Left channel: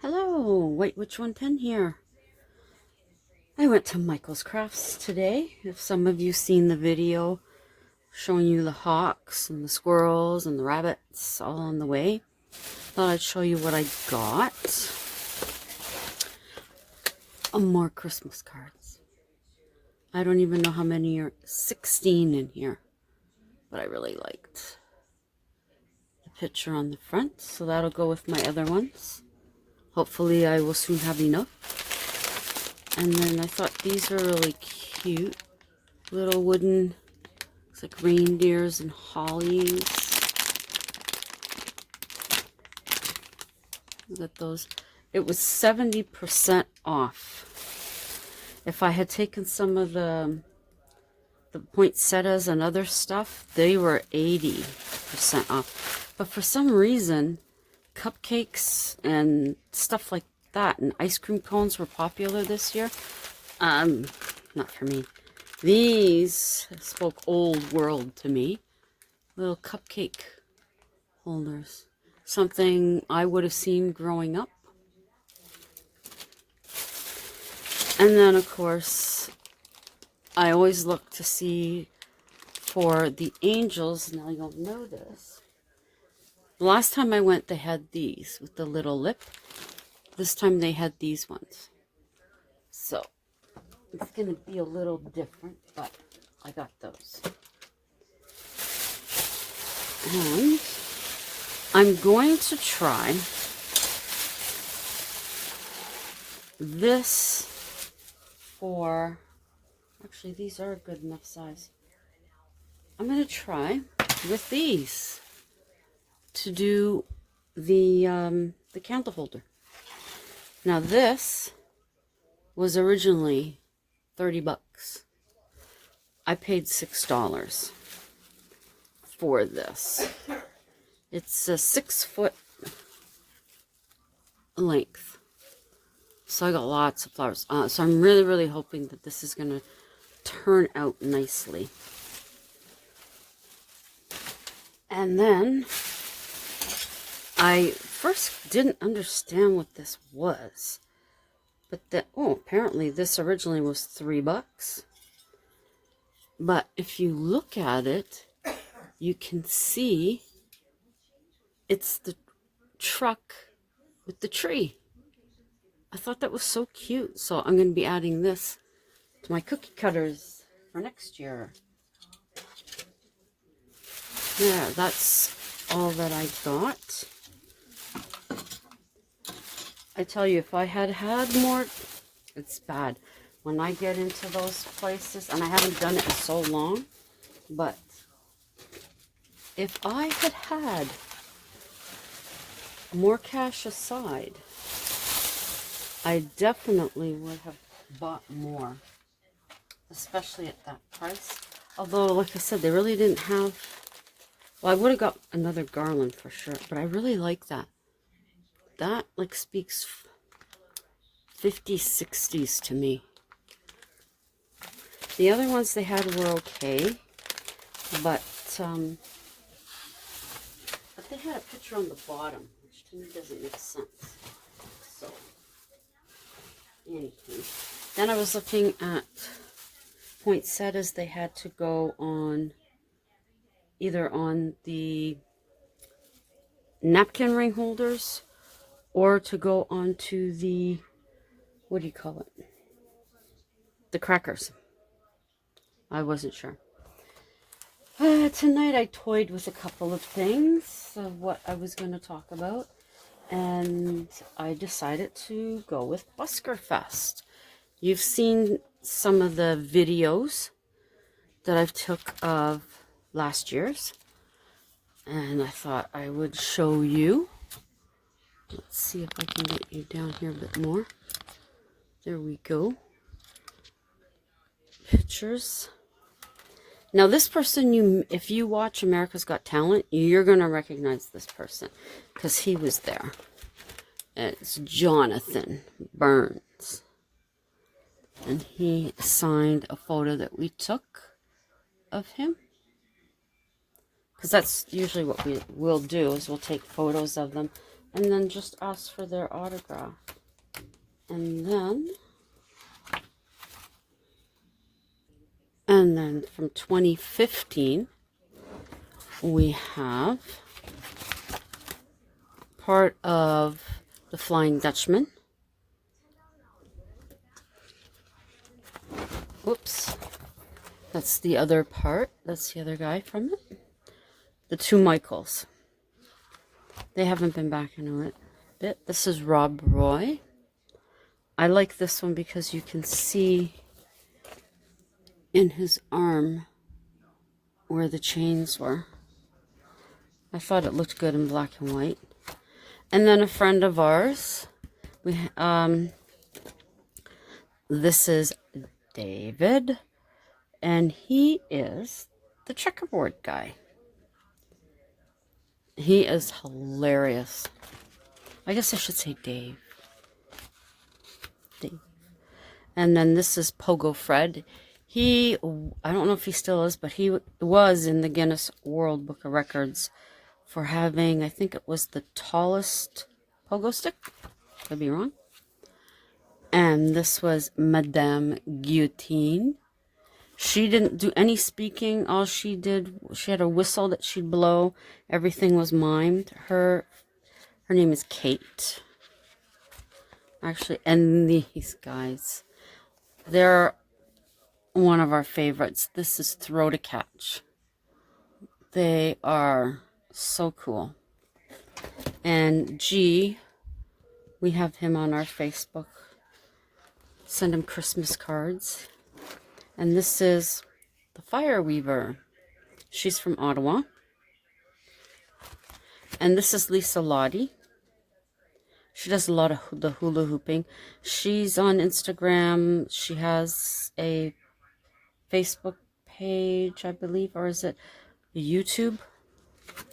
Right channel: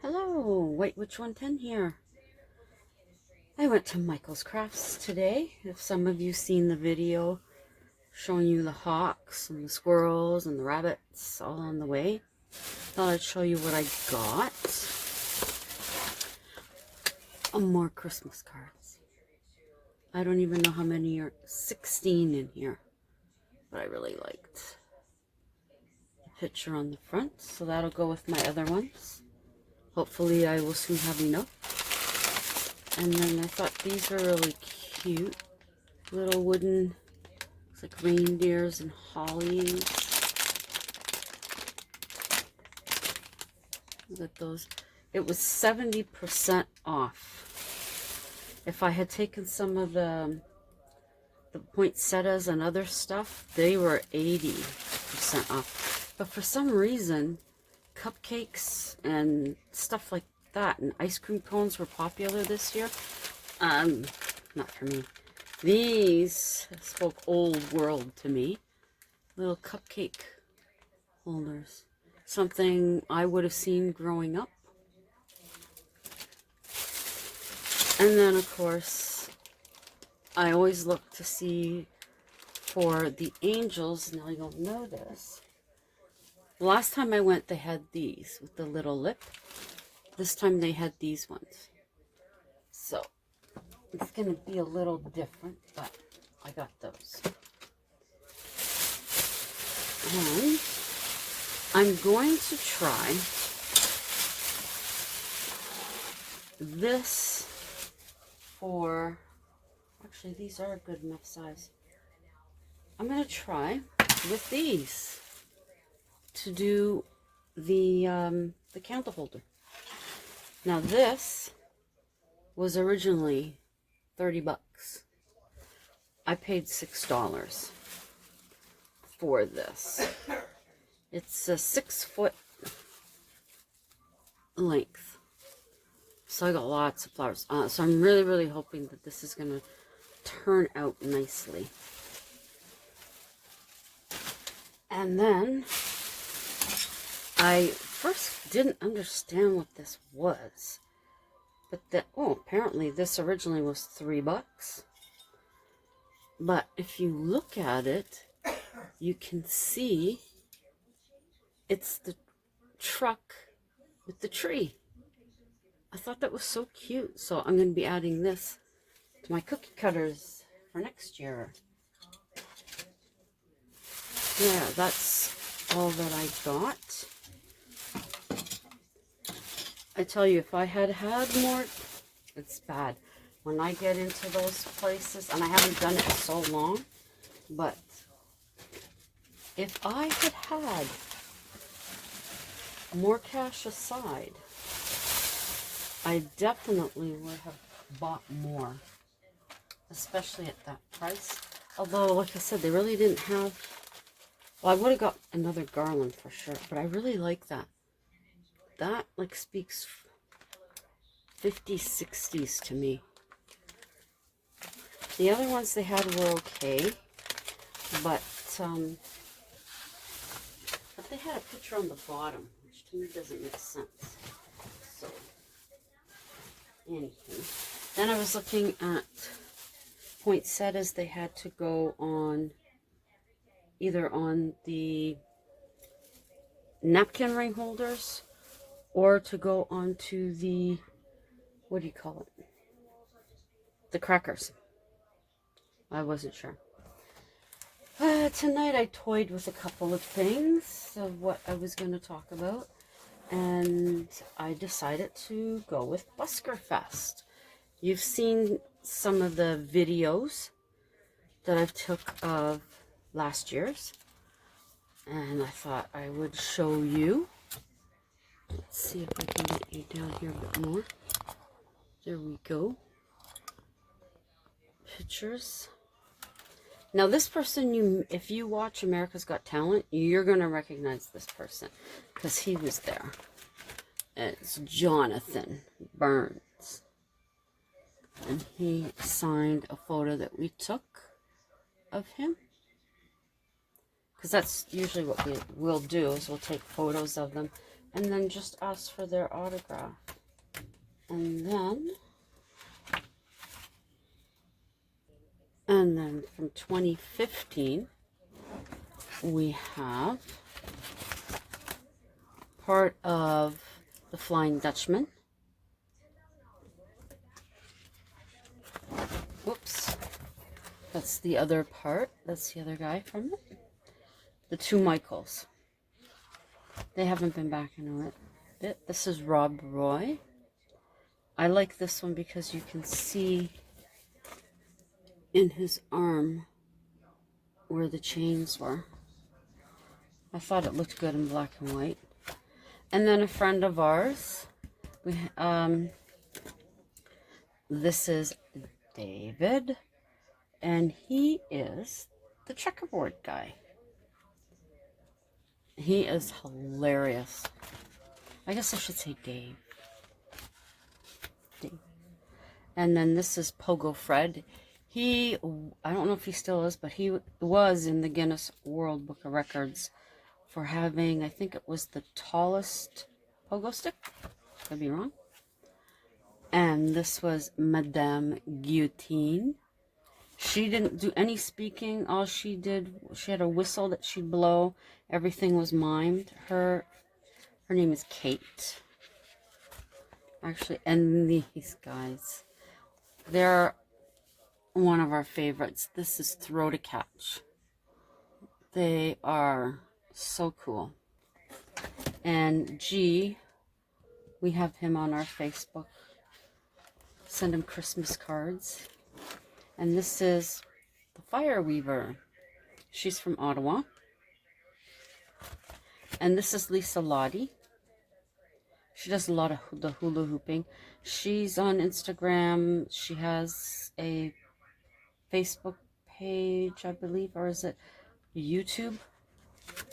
Hello, White Witch 110 here. I went to Michael's Crafts today. If some of you seen the video showing you the hawks and the squirrels and the rabbits all on the way, thought I'd show you what I got. More Christmas cards. I don't even know how many are 16 in here, but I really liked the picture on the front, so that'll go with my other ones. Hopefully I will soon have enough. And then I thought these are really cute. Little wooden, it's like reindeers and hollies. Look at those. It was 70% off. If I had taken some of the poinsettias and other stuff, they were 80% off. But for some reason, cupcakes and stuff like that and ice cream cones were popular this year. Not for me. These spoke old world to me. Little cupcake holders. Something I would have seen growing up. And then, of course, I always look to see for the angels. Now you'll notice. The last time I went, they had these with the little lip. This time they had these ones. So, it's going to be a little different, but I got those. And I'm going to try this for, actually these are a good enough size. I'm going to try with these to do the candle holder. Now this was originally 30 bucks. I paid $6 for this. It's a 6-foot length. So I got lots of flowers. So I'm really hoping that this is going to turn out nicely. And then I first didn't understand what this was. But apparently this originally was 3 bucks. But if you look at it, you can see it's the truck with the tree. I thought that was so cute. So I'm going to be adding this to my cookie cutters for next year. Yeah, that's all that I got. I tell you, if I had more, it's bad. When I get into those places, and I haven't done it in so long, but if I had more cash aside, I definitely would have bought more, especially at that price. Although, like I said, they really didn't have, well, I would have got another garland for sure, but I really like that. That, like, speaks 50s, 60s to me. The other ones they had were okay, but they had a picture on the bottom, which to me doesn't make sense. So, anyway. Then I was looking at poinsettias. They had to go on either on the napkin ring holders or to go onto the, what do you call it? The crackers. I wasn't sure. Tonight I toyed with a couple of things of what I was going to talk about. And I decided to go with Buskerfest. You've seen some of the videos that I've took of last year's. And I thought I would show you. Let's see if I can get you down here a bit more. There we go. Pictures. Now this person, if you watch America's Got Talent, you're going to recognize this person because he was there. And it's Jonathan Burns. And he signed a photo that we took of him. Because that's usually what we will do, is we'll take photos of them and then just ask for their autograph. And then from 2015, we have part of the Flying Dutchman. Whoops. That's the other part. That's the other guy from it. The two Michaels. They haven't been back in a bit. This is Rob Roy. I like this one because you can see in his arm where the chains were. I thought it looked good in black and white. And then a friend of ours, this is David, and he is the checkerboard guy. He is hilarious. I guess I should say Dave. And then this is Pogo Fred. I don't know if he still is, but he was in the Guinness World Book of Records for having, I think it was the tallest pogo stick. Could be wrong. And this was Madame Guillotine. She didn't do any speaking. All she did, she had a whistle that she'd blow. Everything was mimed. Her name is Kate. Actually, and these guys, they're one of our favorites. This is Throw to Catch. They are so cool. And G, we have him on our Facebook. Send him Christmas cards. And this is the Fire Weaver. She's from Ottawa. And this is Lisa Lottie. She does a lot of the hula hooping. She's on Instagram. She has a Facebook page, I believe, or is it a YouTube?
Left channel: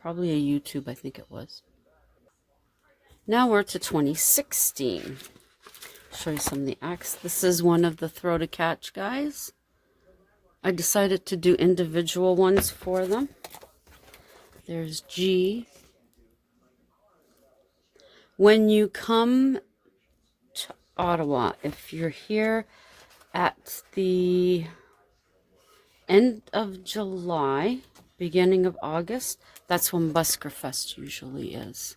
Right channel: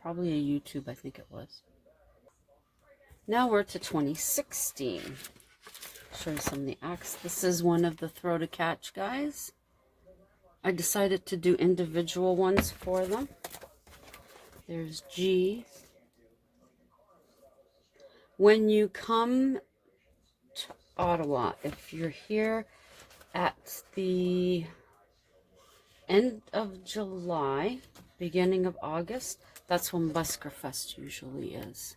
Probably a YouTube, I think it was. Now we're to 2016. Show you some of the acts. This is one of the Throw to Catch guys. I decided to do individual ones for them. There's G. When you come to Ottawa, if you're here at the end of July, beginning of August, that's when Buskerfest usually is.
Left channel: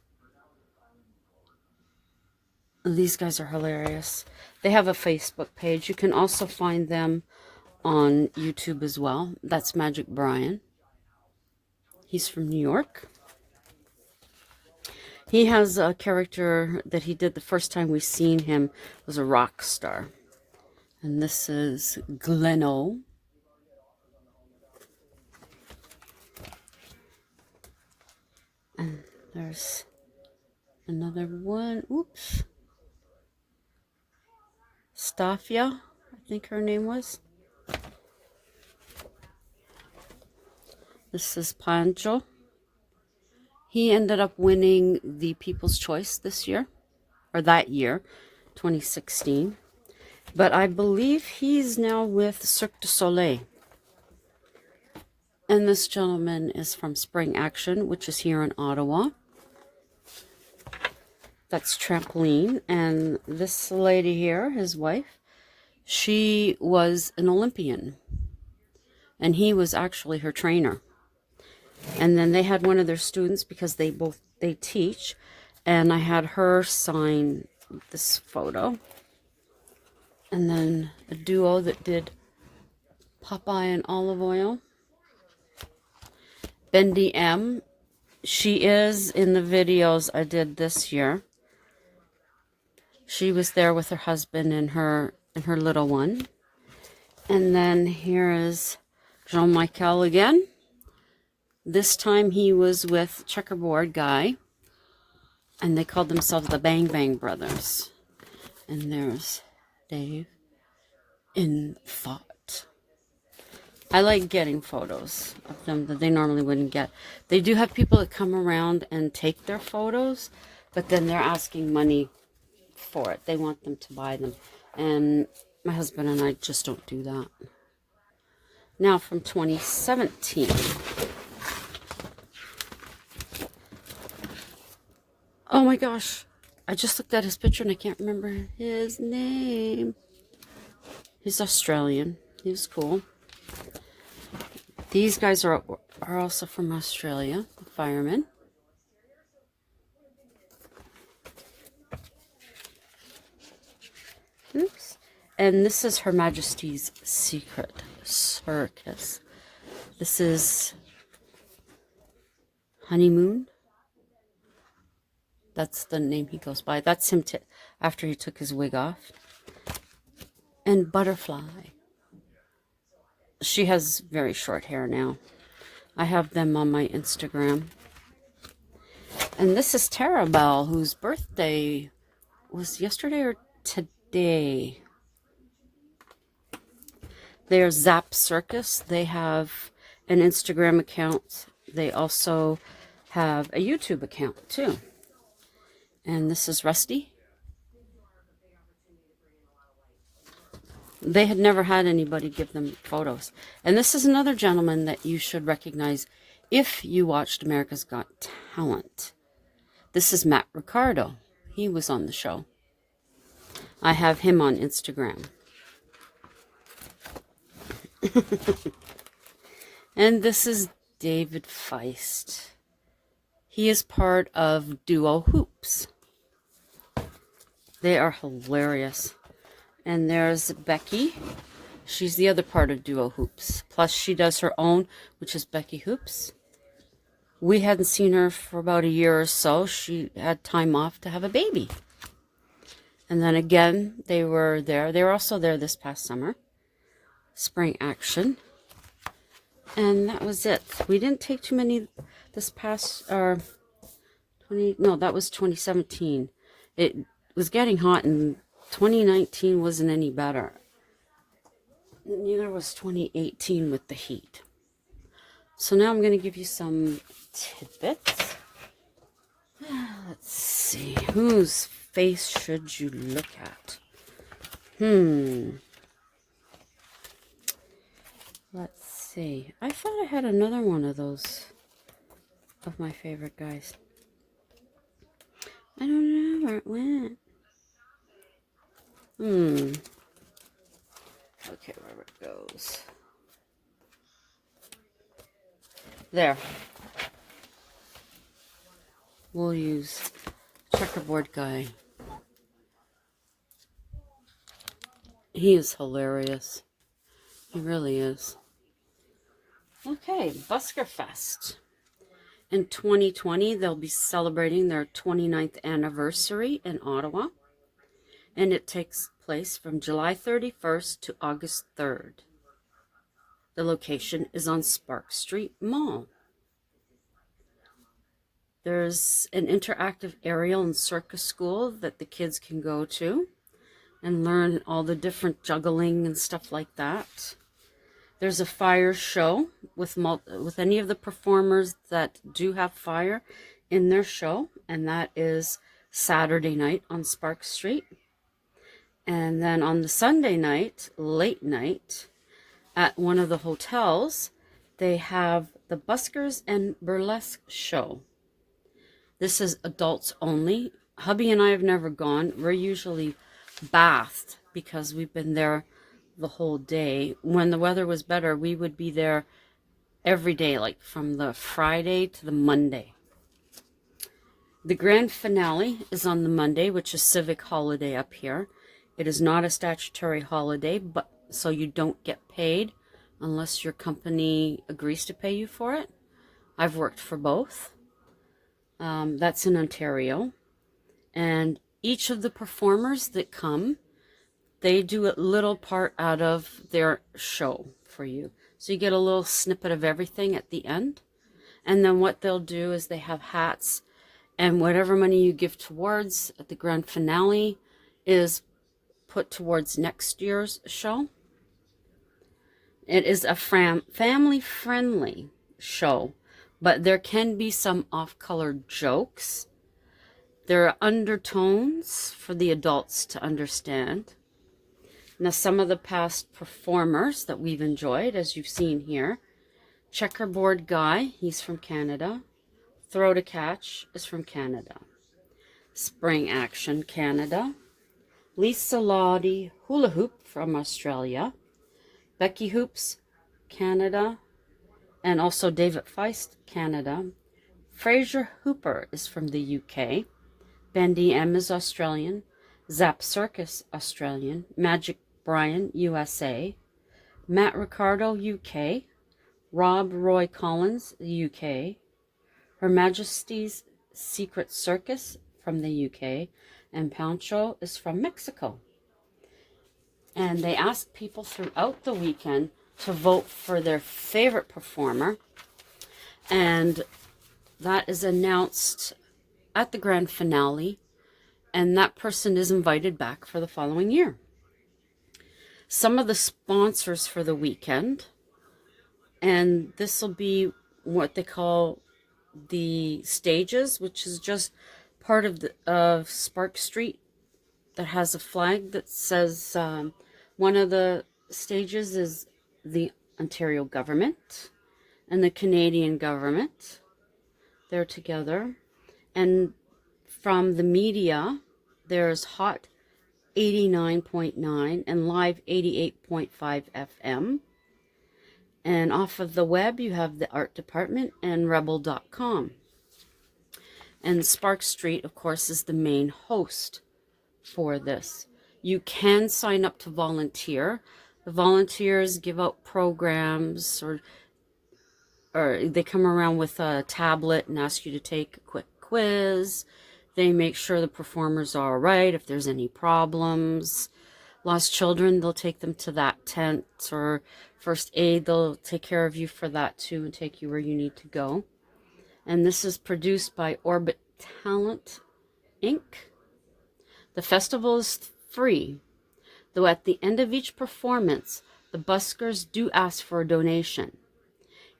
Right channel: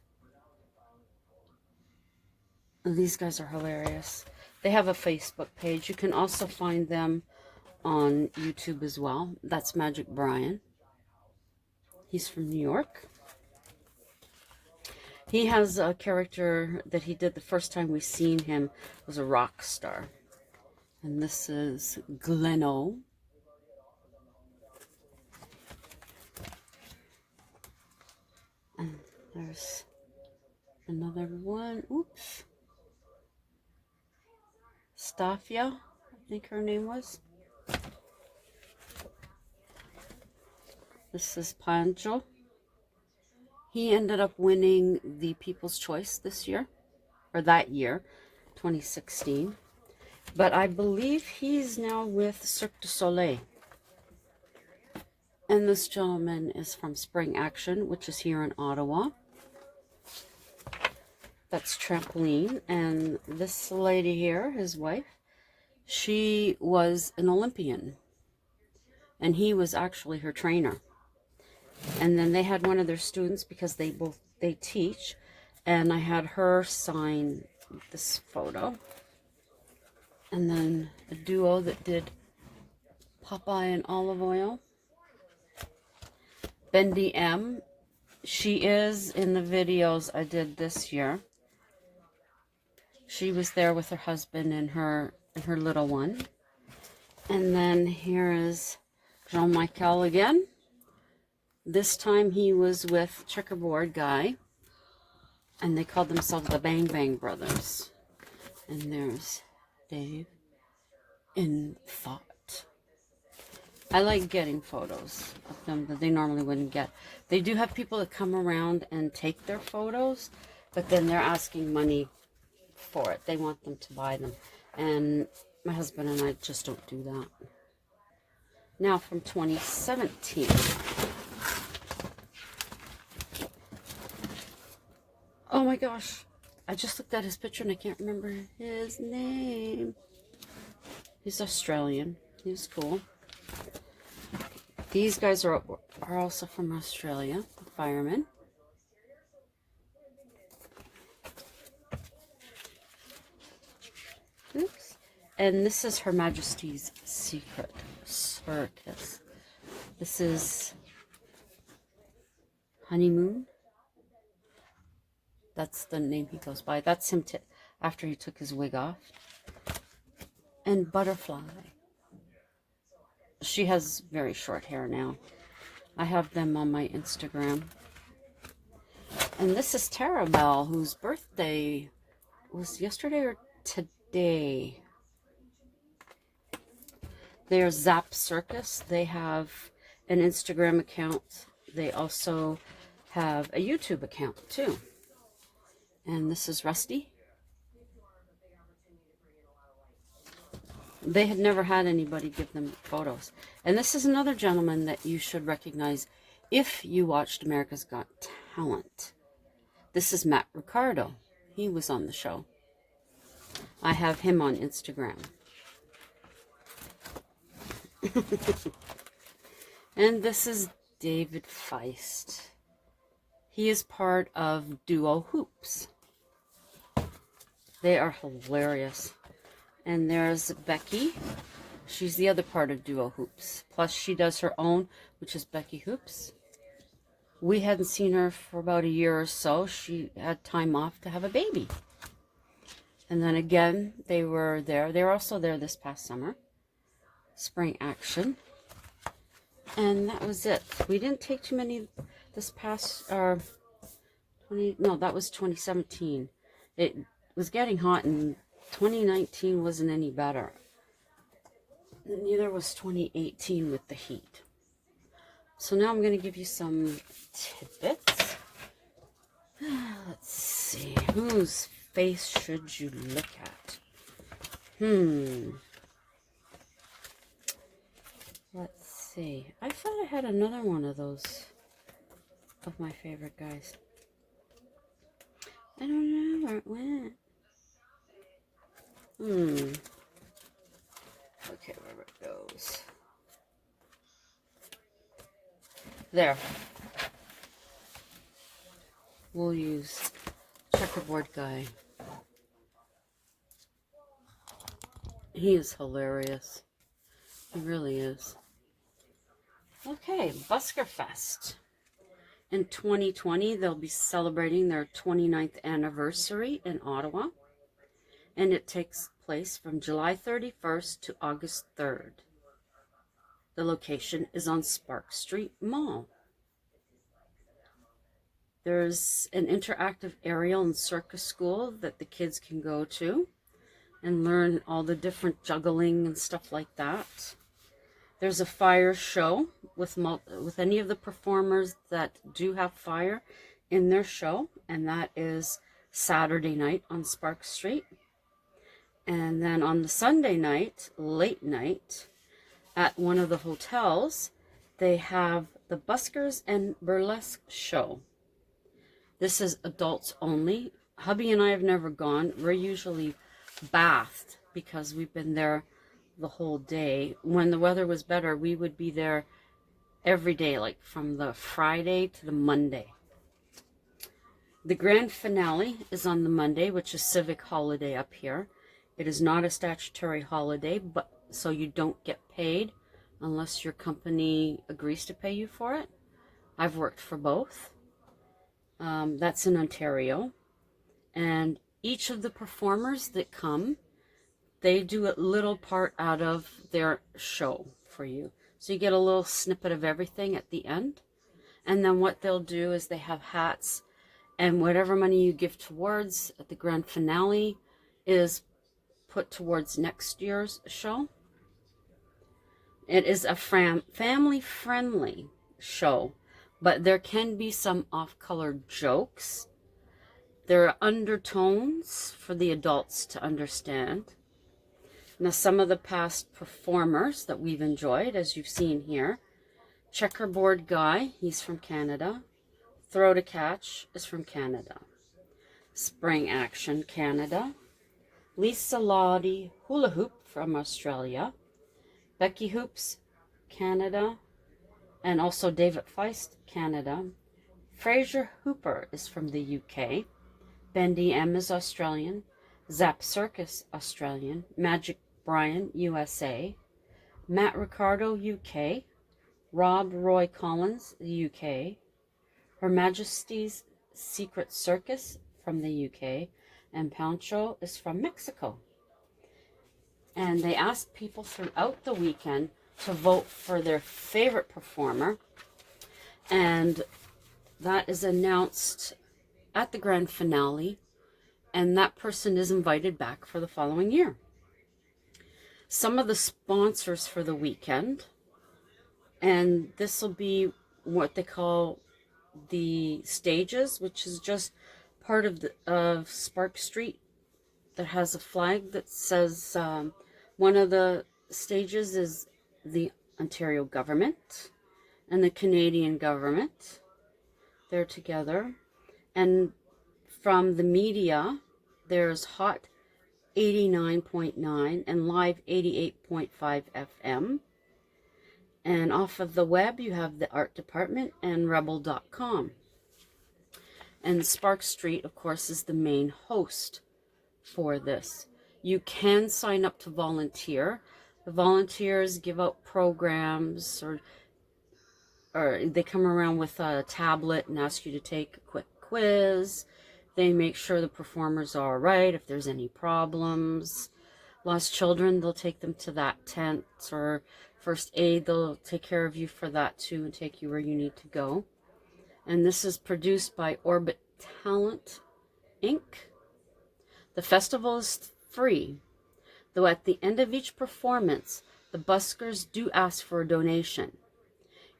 These guys are hilarious. They have a Facebook page. You can also find them on YouTube as well. That's Magic Brian. He's from New York. He has a character that he did the first time we seen him was a rock star. And this is Gleno. And there's another one. Oops. Stafia, I think her name was. This is Pancho. He ended up winning the People's Choice this year, or that year, 2016. But I believe he's now with Cirque du Soleil. And this gentleman is from Spring Action, which is here in Ottawa. That's Trampoline. And this lady here, his wife, she was an Olympian. And he was actually her trainer. And then they had one of their students, because they teach, and I had her sign this photo. And then a duo that did Popeye and olive oil. Bendy M. She is in the videos I did this year. She was there with her husband and her little one. And then here is Jean-Michel again. This time he was with Checkerboard Guy, and they called themselves the Bang Bang Brothers. And there's Dave in thought. I like getting photos of them that they normally wouldn't get. They do have people that come around and take their photos, but then they're asking money for it. They want them to buy them. And my husband and I just don't do that. Now from 2017. Oh my gosh. I just looked at his picture and I can't remember his name. He's Australian. He was cool. These guys are also from Australia, firemen. Oops. And this is Her Majesty's Secret Circus. This is Honeymoon. That's the name he goes by. That's him after he took his wig off. And Butterfly. She has very short hair now. I have them on my Instagram. And this is Tarabelle, whose birthday was yesterday or today. They're Zap Circus. They have an Instagram account. They also have a YouTube account too. And this is Rusty. They had never had anybody give them photos. And this is another gentleman that you should recognize if you watched America's Got Talent. This is Matt Ricardo. He was on the show. I have him on Instagram. And this is David Feist. He is part of Duo Hoops. They are hilarious. And there's Becky. She's the other part of Duo Hoops. Plus she does her own, which is Becky Hoops. We hadn't seen her for about a year or so. She had time off to have a baby. And then again, they were there. They were also there this past summer. Spring action. And that was it. We didn't take too many this past, that was 2017. It was getting hot and 2019 wasn't any better. Neither was 2018 with the heat. So now I'm going to give you some tidbits. Let's see. Whose face should you look at? Let's see. I thought I had another one of those of my favorite guys. I don't know where it went. Okay, where it goes. There. We'll use checkerboard guy. He is hilarious. He really is. Okay, Buskerfest. In 2020, they'll be celebrating their 29th anniversary in Ottawa. And it takes place from July 31st to August 3rd. The location is on Spark Street Mall. There's an interactive aerial and circus school that the kids can go to and learn all the different juggling and stuff like that. There's a fire show with any of the performers that do have fire in their show, and that is Saturday night on Spark Street. And then on the Sunday night, late night, at one of the hotels, they have the Buskers and Burlesque show. This is adults only. Hubby and I have never gone. We're usually bathed because we've been there the whole day. When the weather was better, we would be there every day, like from the Friday to the Monday. The grand finale is on the Monday, which is civic holiday up here. It is not a statutory holiday, but so you don't get paid unless your company agrees to pay you for it. I've worked for both. That's in Ontario. And each of the performers that come, they do a little part out of their show for you. So you get a little snippet of everything at the end. And then what they'll do is they have hats, and whatever money you give towards at the grand finale is put towards next year's show. It is a family-friendly show, but there can be some off-color jokes. There are undertones for the adults to understand. Now, some of the past performers that we've enjoyed, as you've seen here, Checkerboard Guy, he's from Canada. Throw to Catch is from Canada. Spring Action, Canada. Lisa Lottie Hula Hoop from Australia. Becky Hoops, Canada. And also David Feist, Canada. Fraser Hooper is from the UK. Bendy M is Australian. Zap Circus, Australian. Magic Brian, USA. Matt Ricardo, UK. Rob Roy Collins, UK. Her Majesty's Secret Circus from the UK. And Pancho is from Mexico. And they asked people throughout the weekend to vote for their favorite performer. And that is announced at the grand finale. And that person is invited back for the following year. Some of the sponsors for the weekend. And this will be what they call the stages, which is just part of Spark Street that has a flag that says one of the stages is the Ontario government and the Canadian government. They're together. And from the media, there's Hot 89.9 and Live 88.5 FM. And off of the web, you have the art department and rebel.com. And Spark Street, of course, is the main host for this. You can sign up to volunteer. The volunteers give out programs, or they come around with a tablet and ask you to take a quick quiz. They make sure the performers are all right. If there's any problems, lost children, they'll take them to that tent, or first aid, they'll take care of you for that too and take you where you need to go. And this is produced by Orbit Talent Inc. The festival is free, though at the end of each performance, the buskers do ask for a donation.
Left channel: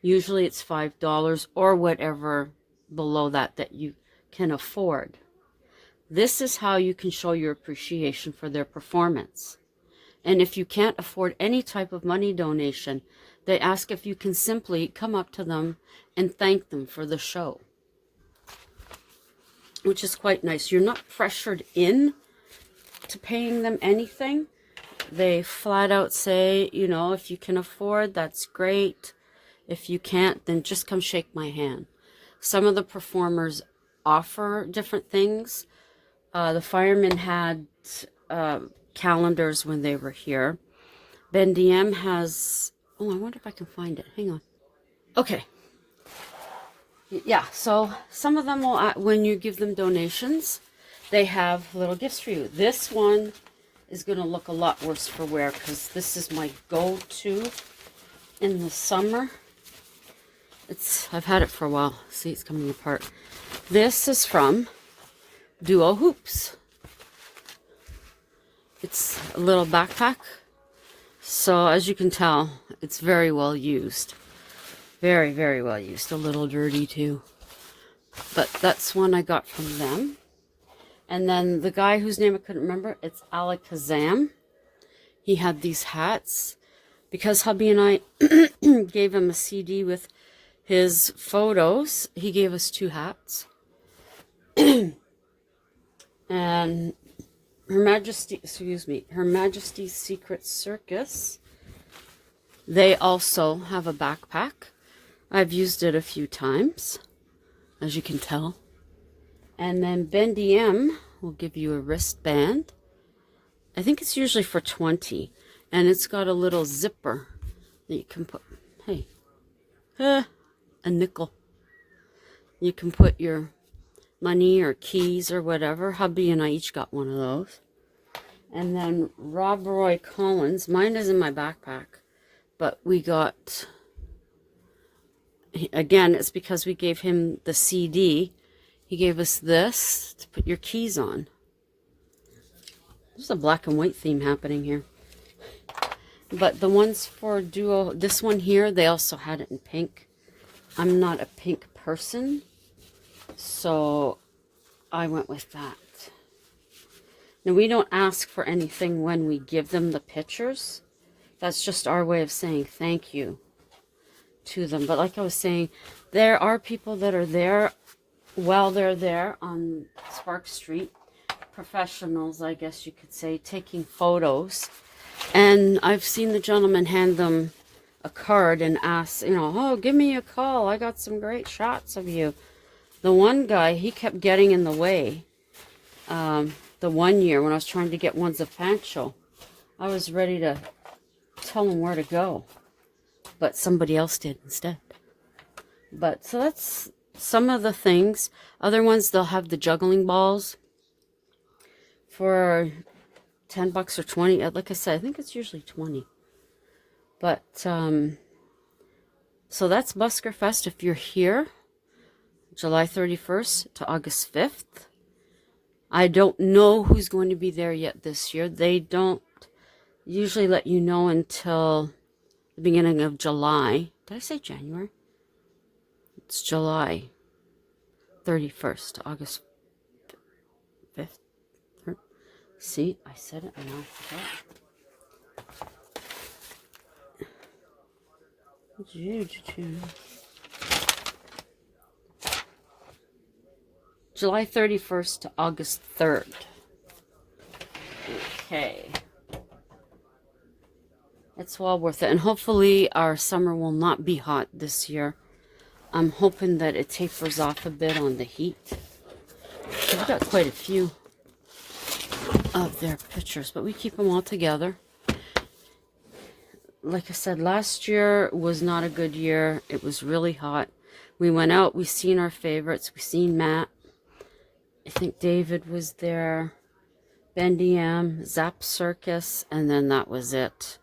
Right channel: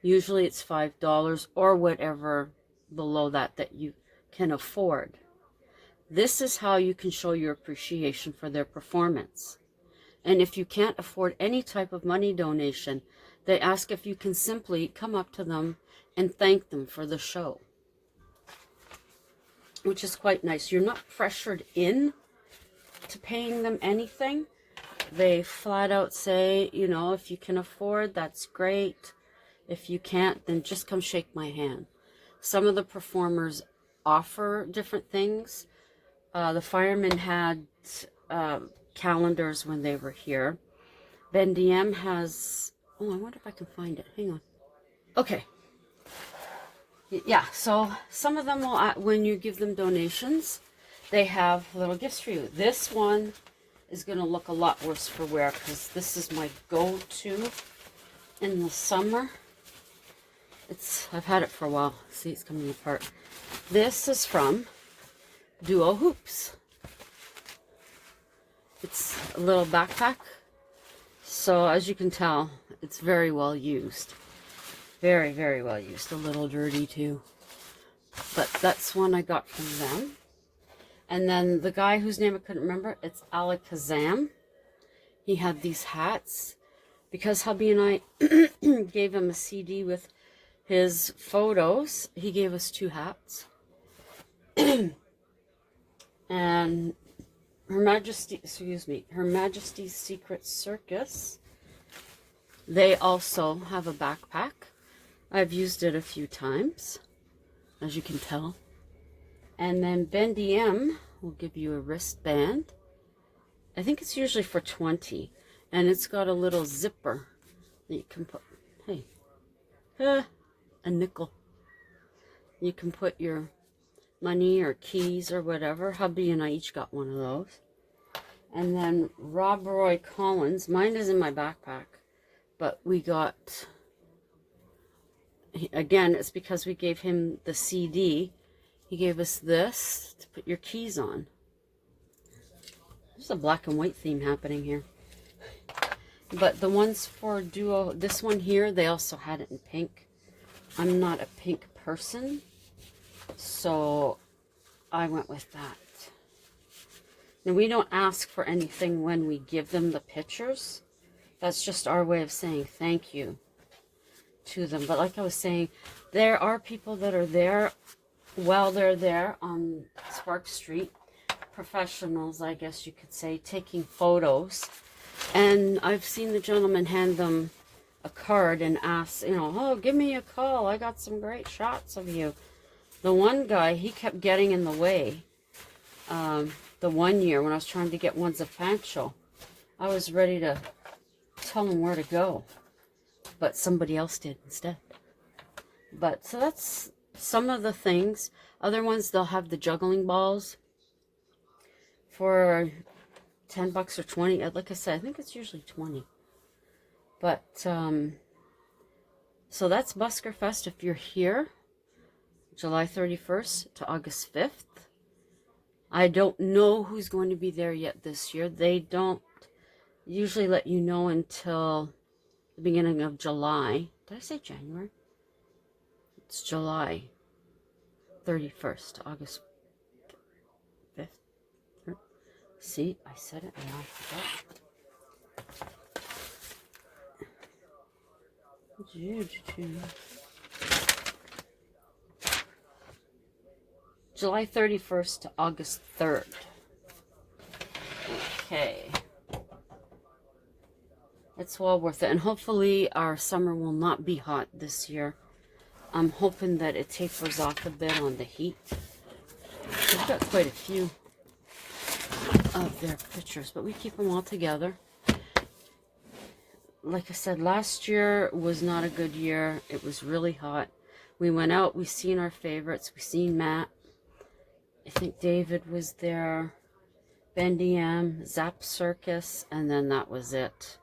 Usually it's $5 or whatever below that you can afford. This is how you can show your appreciation for their performance. And if you can't afford any type of money donation, they ask if you can simply come up to them and thank them for the show, which is quite nice. You're not pressured in to paying them anything. They flat out say, you know, if you can afford, that's great. If you can't, then just come shake my hand. Some of the performers offer different things. The firemen had calendars when they were here. Ben DM has, oh, I wonder if I can find it. Hang on. Okay. Yeah, so some of them will, when you give them donations, they have little gifts for you. This one is going to look a lot worse for wear because this is my go-to in the summer. I've had it for a while. See, it's coming apart. This is from Duo Hoops. It's a little backpack. So as you can tell, it's very well used. Very, very well used. A little dirty too. But that's one I got from them. And then the guy whose name I couldn't remember, it's Alakazam. He had these hats. Because hubby and I gave him a CD with his photos, he gave us 2 hats. And Her Majesty's Secret Circus, they also have a backpack. I've used it a few times, as you can tell. And then Bendy M will give you a wristband. I think it's usually for $20. And it's got a little zipper that you can put, hey, a nickel. You can put your money or keys or whatever. Hubby and I each got one of those. And then Rob Roy Collins, mine is in my backpack, but we got, again, it's because we gave him the CD. He gave us this to put your keys on. There's a black and white theme happening here. But the ones for Duo, this one here, they also had it in pink. I'm not a pink person, so I went with that. Now, we don't ask for anything when we give them the pictures. That's just our way of saying thank you to them. But like I was saying, there are people that are there while they're there on Spark Street, professionals, I guess you could say, taking photos. And I've seen the gentleman hand them a card and ask, you know, oh, give me a call. I got some great shots of you. The one guy, he kept getting in the way. The one year when I was trying to get one's a Fancho, I was ready to tell him where to go, but somebody else did instead. But so that's some of the things. Other ones, they'll have the juggling balls for $10 or 20. Like I said, I think it's usually 20. But so that's Buskerfest. If you're here, July 31st to August 5th. I don't know who's going to be there yet this year. They don't usually let you know until the beginning of July. Did I say January? It's July 31st to August 5th. See, I said it and I forgot. July 31st to August 3rd. Okay. It's well worth it. And hopefully our summer will not be hot this year. I'm hoping that it tapers off a bit on the heat. We've got quite a few of their pictures, but we keep them all together. Like I said, last year was not a good year. It was really hot. We went out, we seen our favorites. We seen Matt. I think David was there, Bendy M, Zap Circus, and then that was it.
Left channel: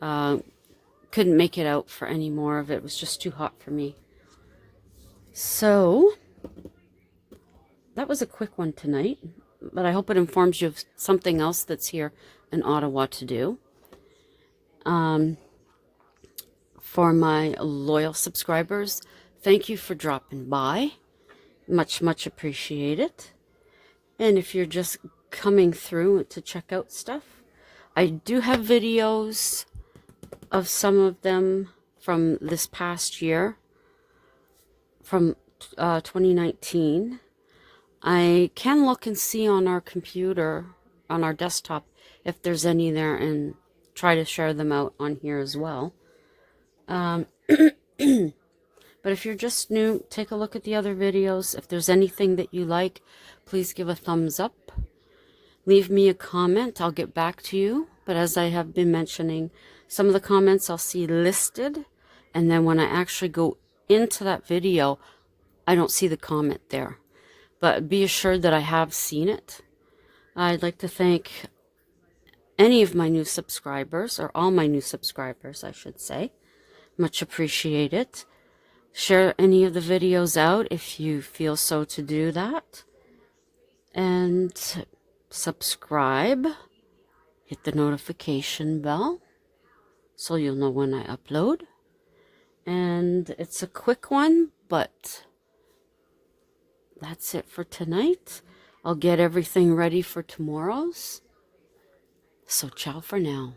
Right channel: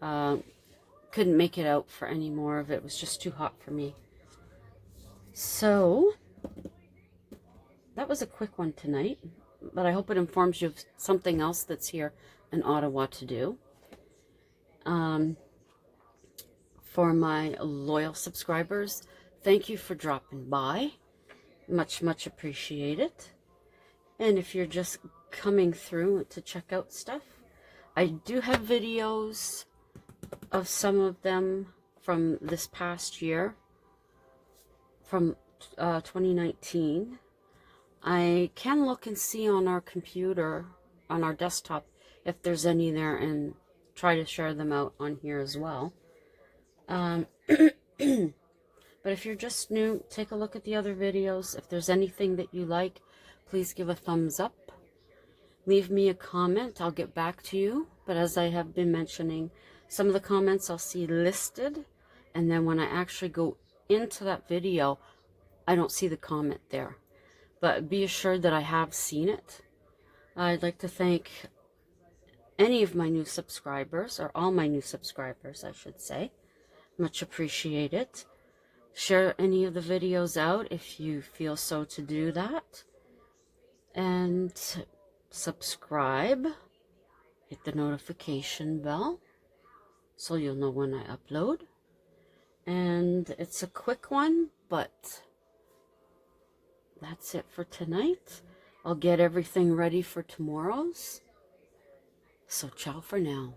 Couldn't make it out for any more of it. It was just too hot for me. So, that was a quick one tonight, but I hope it informs you of something else that's here in Ottawa to do. For my loyal subscribers, thank you for dropping by. Much, much appreciated. And if you're just coming through to check out stuff, I do have videos of some of them from this past year, from 2019. I can look and see on our computer, on our desktop, if there's any there, and try to share them out on here as well. But if you're just new, take a look at the other videos. If there's anything that you like, please give a thumbs up. Leave me a comment. I'll get back to you. But as I have been mentioning, some of the comments I'll see listed. And then when I actually go into that video, I don't see the comment there. But be assured that I have seen it. I'd like to thank any of my new subscribers, or all my new subscribers, I should say. Much appreciated. Share any of the videos out if you feel so to do that. And subscribe. Hit the notification bell so you'll know when I upload. And it's a quick one, but that's it for tonight. I'll get everything ready for tomorrow's. So ciao for now.